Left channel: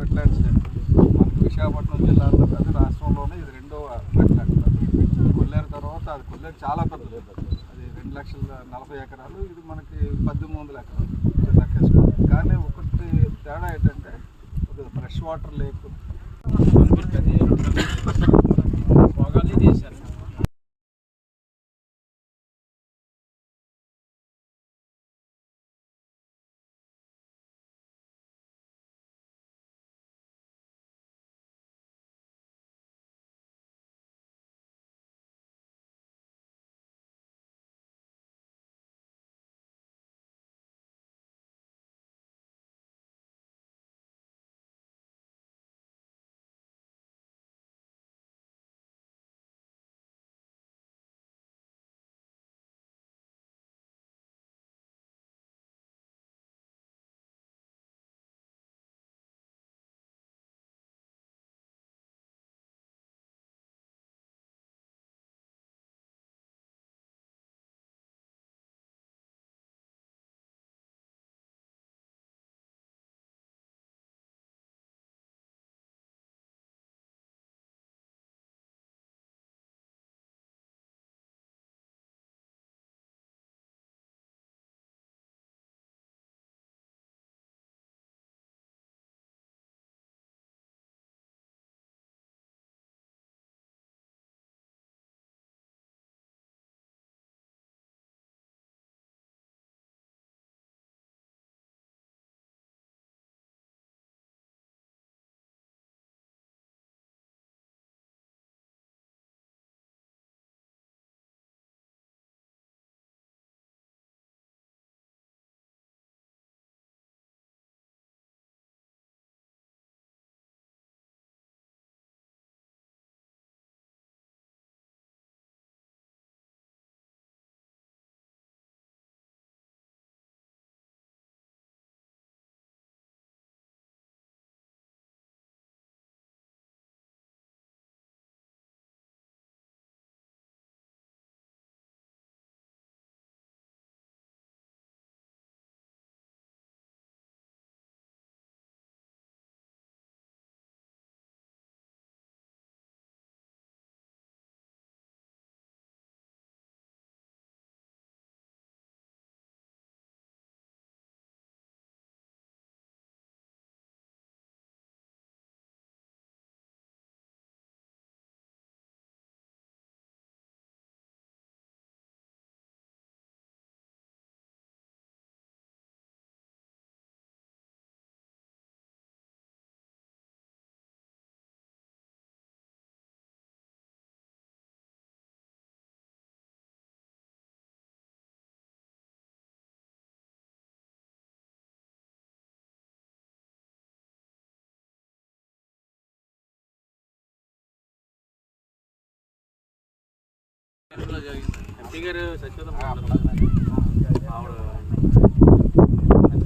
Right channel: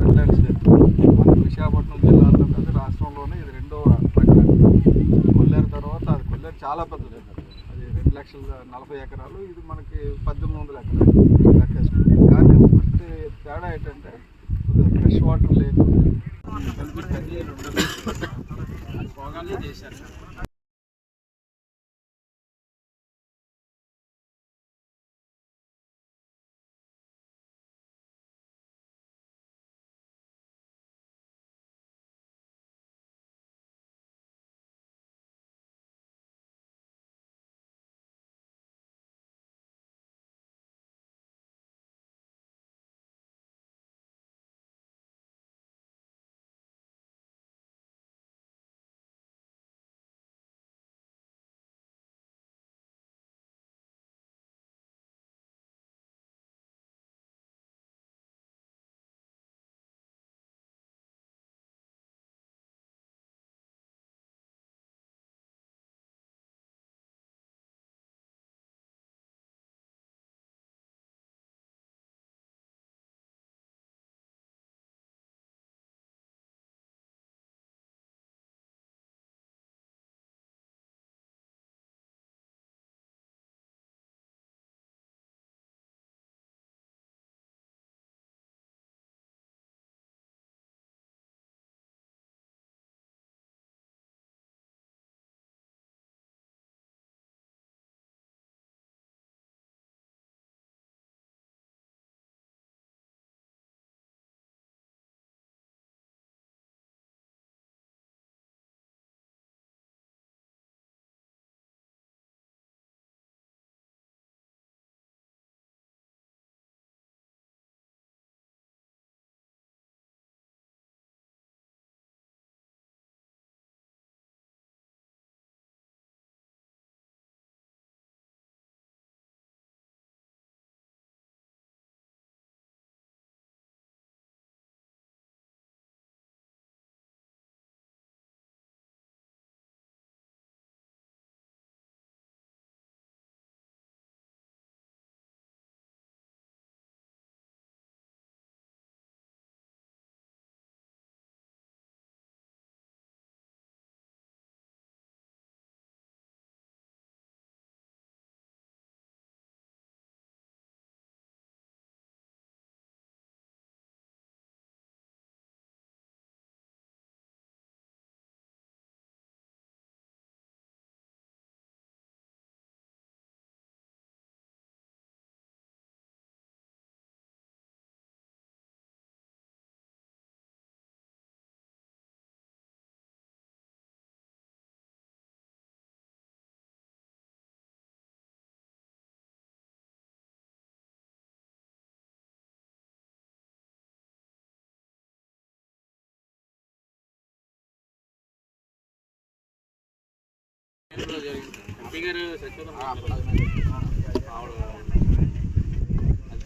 Wetlands day. మనకి విశాఖపట్నం జిల్లాలో అది రాష్ట్రంలోనే ఇది రెండవ వెట్లాండ్. కొల్లేరు తర్వాత అది కొల్లేరు చాలా పెద్దది, అది 2,40,000 ఎకరాలు, ఇది మనకి 1,800 ఎకరాలు లెక్కేసుకోండి. కానీ ఒకటి తేడా ఏంటంటే ఫ్రెష్ వాటర్ లేదు.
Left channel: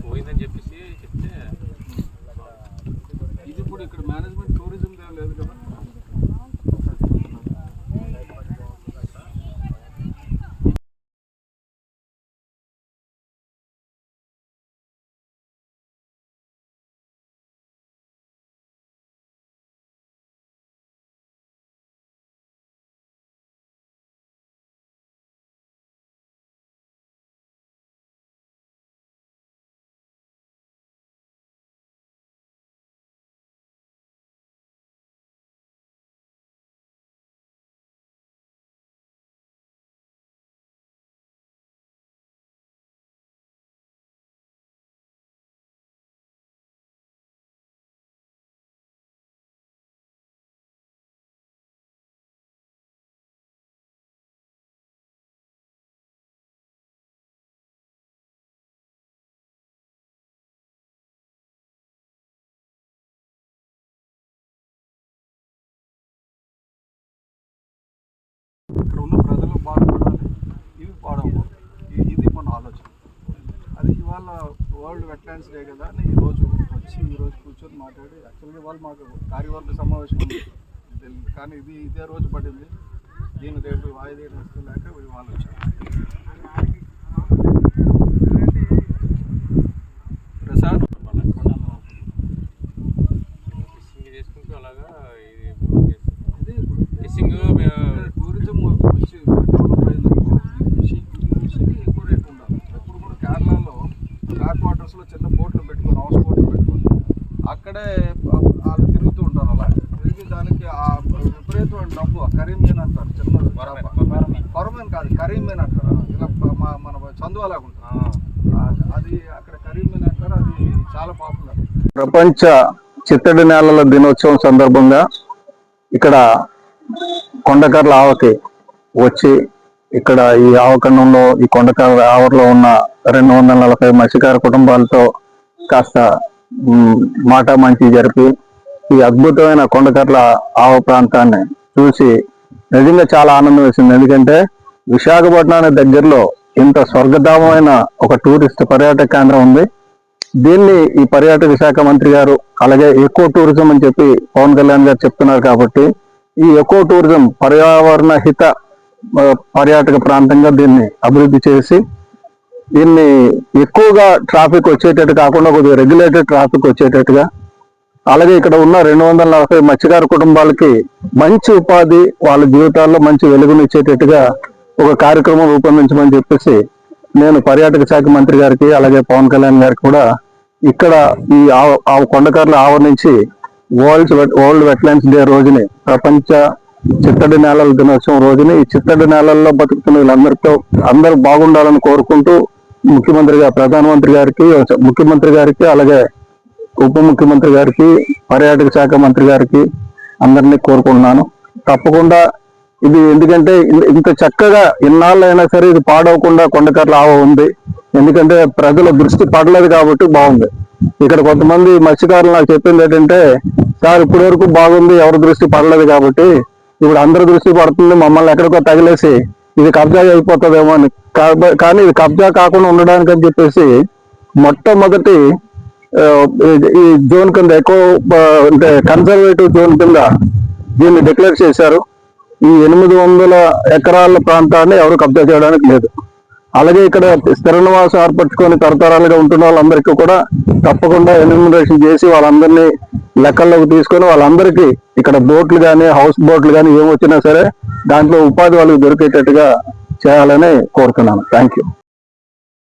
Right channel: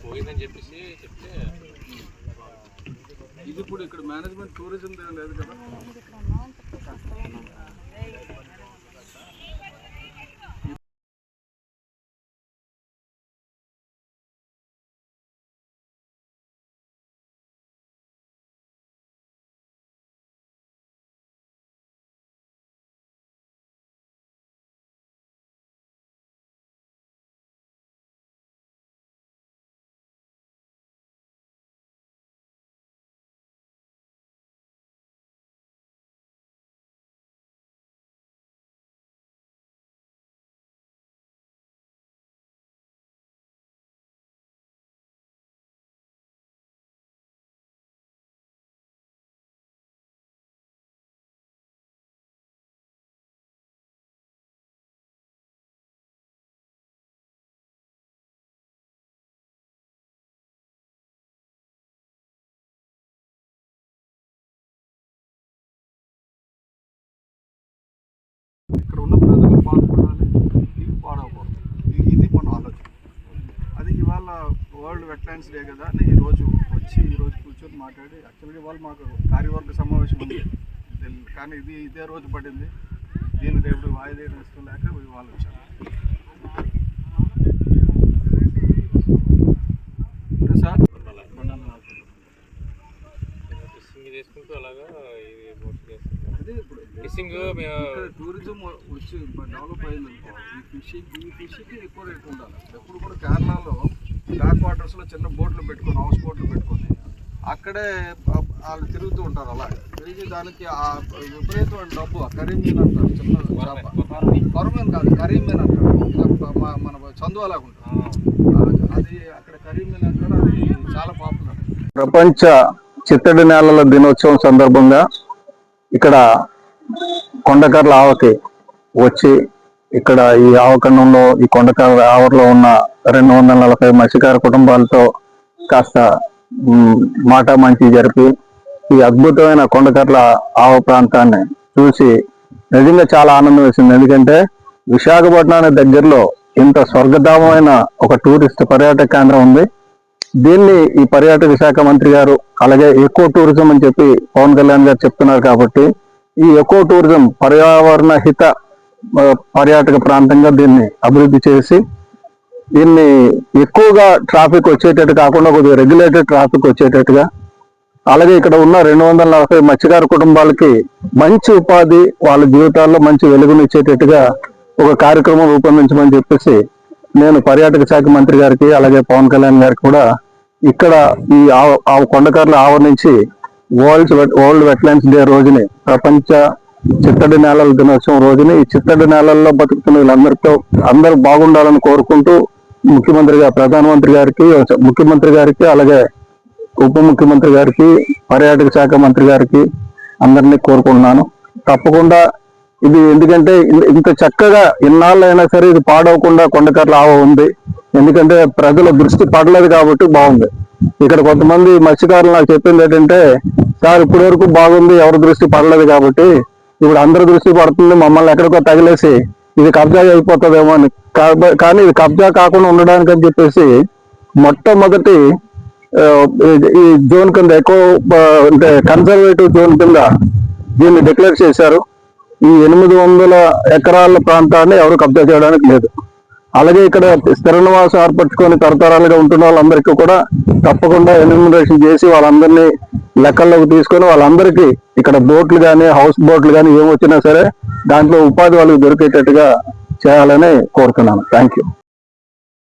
పోయిందని చెప్పేసి చెప్తే ఇది ఇప్పుడు ఇక్కడ మేనేజ్మెంట్ టూరిజం లేదు కదా. ఇక్కడ ఉన్న ప్రజలు బాగుపడాలి, ఇవి పాడకూడదు. ఇది మన ఆలోచన. అది ఇవాళ వరల్డ్ వెట్లాండ్స్ డే కదా అని ఈరోజు కూర్చొని మాట్లాడి, యాక్చువల్గా ఇవాళ మాకు కార్యవర్గ సమావేశం ఉంది కానీ ఇదే రోజు పడింది. దీన్ని రేపు వాయిదా వేసుకోలేక ఇవాళ వచ్చాను. ప్రసాద్ లాగా ఇది బోట్ చేస్తుంది. అదే ఇప్పుడు ఫిషింగ్ టూరిజం వచ్చి డెవలప్ అయింది. ఫిషింగ్ ఎక్కువ రేట్ ఉండాలి. ఎప్పుడు కూడా కేరళలో బ్యాక్ వాటర్స్లో చిన్న బోట్లు పెట్టుకొని హౌస్ బోట్లు పెట్టుకొని అక్కడే వాళ్ళు తిరుగుతూ ఉంటారు. అలా తిరిగి దానికి ఆ విపరీతమైన డబ్బు కరీమీన్ అంటారు. చిన్న కొరమీన్ కాదు, కరీమీన్ అంటారు. ఇలా మన చందువలాగా ఉంటుంది. అది అక్కడ కరీమీన్ అంటారు. అది చాలా పాపులర్. ప్రపంచ చిత్తడి నేలల దినోత్సవం సందర్భంగా ఇక్కడ కొండకర్ల ఆవకి వచ్చి ఇక్కడ ఈ ఆవకండంలో ఈ కొండకర్ల ఆవరలో ఉన్న 240 మత్స్యకార కుటుంబాలతో కాస్త మాట మంచి జరిపి ఈ అద్భుతమైన కొండకర్ల ఆవ ప్రాంతాన్ని చూసి నిజంగా చాలా ఆనందం వేసింది. ఎందుకంటే విశాఖపట్నానికి దగ్గరలో ఇంత స్వర్గధామమైన ఒక టూరిస్ట్ పర్యాటక కేంద్రం ఉంది. దీన్ని ఈ పర్యాటక శాఖ మంత్రి గారు అలాగే ఎకో టూరిజం అని చెప్పి పవన్ కళ్యాణ్ గారు చెప్తున్నారు. కాబట్టి ఈ ఎకో టూరిజం పర్యావరణ హిత పర్యాటక ప్రాంతంగా దీన్ని అభివృద్ధి చేసి దీన్ని ఎక్కువగా ట్రాఫిక్ వచ్చేటట్టు కాకుండా కొద్దిగా రెగ్యులేటెడ్ ట్రాఫిక్ వచ్చేటట్టుగా, అలాగే ఇక్కడ ఉన్న 240 మత్స్యకార కుటుంబాలకి మంచి ఉపాధి, వాళ్ళ జీవితాల్లో మంచి వెలుగునిచ్చేటట్టుగా ఒక కార్యక్రమం రూపొందించమని చెప్పేసి నేను పర్యాటక శాఖ మంత్రి గారికి అలాగే పవన్ కళ్యాణ్ గారికి కూడా ఇక్కడ ఈ కొండకర్ల ఆవ నుంచి వరల్డ్ వెట్లాండ్స్ డే రోజుని, ప్రపంచ చిత్తడి నేలల దినోత్సవం రోజుని ఈ చిత్తడి నేలల్లో బతుకుతున్న వీళ్ళందరితో అందరూ బాగుండాలని కోరుకుంటూ ప్రధానమంత్రి ముఖ్యమంత్రి గారికి అలాగే ఉప ముఖ్యమంత్రి గారికి పర్యాటక శాఖ మంత్రి గారికి అందరినీ కోరుకుంటున్నాను. తప్పకుండా ఇది ఎందుకంటే ఇంత చక్కగా ఇన్నాళ్ళైనా సరే ఇది పాడవకుండా కొండకర్ల ఆవ ఉంది. ఎందుకంటే ప్రజల దృష్టి పడలేదు కాబట్టి బాగుంది. ఇక్కడ కొంతమంది మత్స్యకారులు నాకు చెప్పింది ఏంటంటే, సార్ ఇప్పటి వరకు బాగుంది, ఎవరి దృష్టి పడలేదు కాబట్టి ఇప్పుడు అందరి దృష్టి పడుతుంది, మమ్మల్ని ఎక్కడికో తగిలేసి ఇది కబ్జా అయిపోతుందేమో అని. కానీ ఇది కబ్జా కాకుండా ఉండడానికి అని చెప్పేసి మొట్టమొదటి ఈ జోన్ కింద అంటే కన్సర్వేటివ్ జోన్ కింద దీన్ని డిక్లేర్ చేశారు. ఈ 800 ఎకరాల ప్రాంతాన్ని ఎవరు కబ్జా చేయడానికి లేదు. అలాగే ఇక్కడ స్థిర నివాసం ఏర్పరచుకొని తరతరాలుగా ఉంటున్న వాళ్ళందరికీ కూడా తప్పకుండా ఎన్యూమరేషన్ చేసి వాళ్ళందరినీ లెక్కల్లోకి తీసుకొని వాళ్ళందరికీ ఇక్కడ బోట్లు కానీ హౌస్ బోట్లు కానీ ఏమొచ్చినా సరే దాంట్లో ఉపాధి వాళ్ళకి దొరికేటట్టుగా చేయాలని కోరుతున్నాను. Thank you.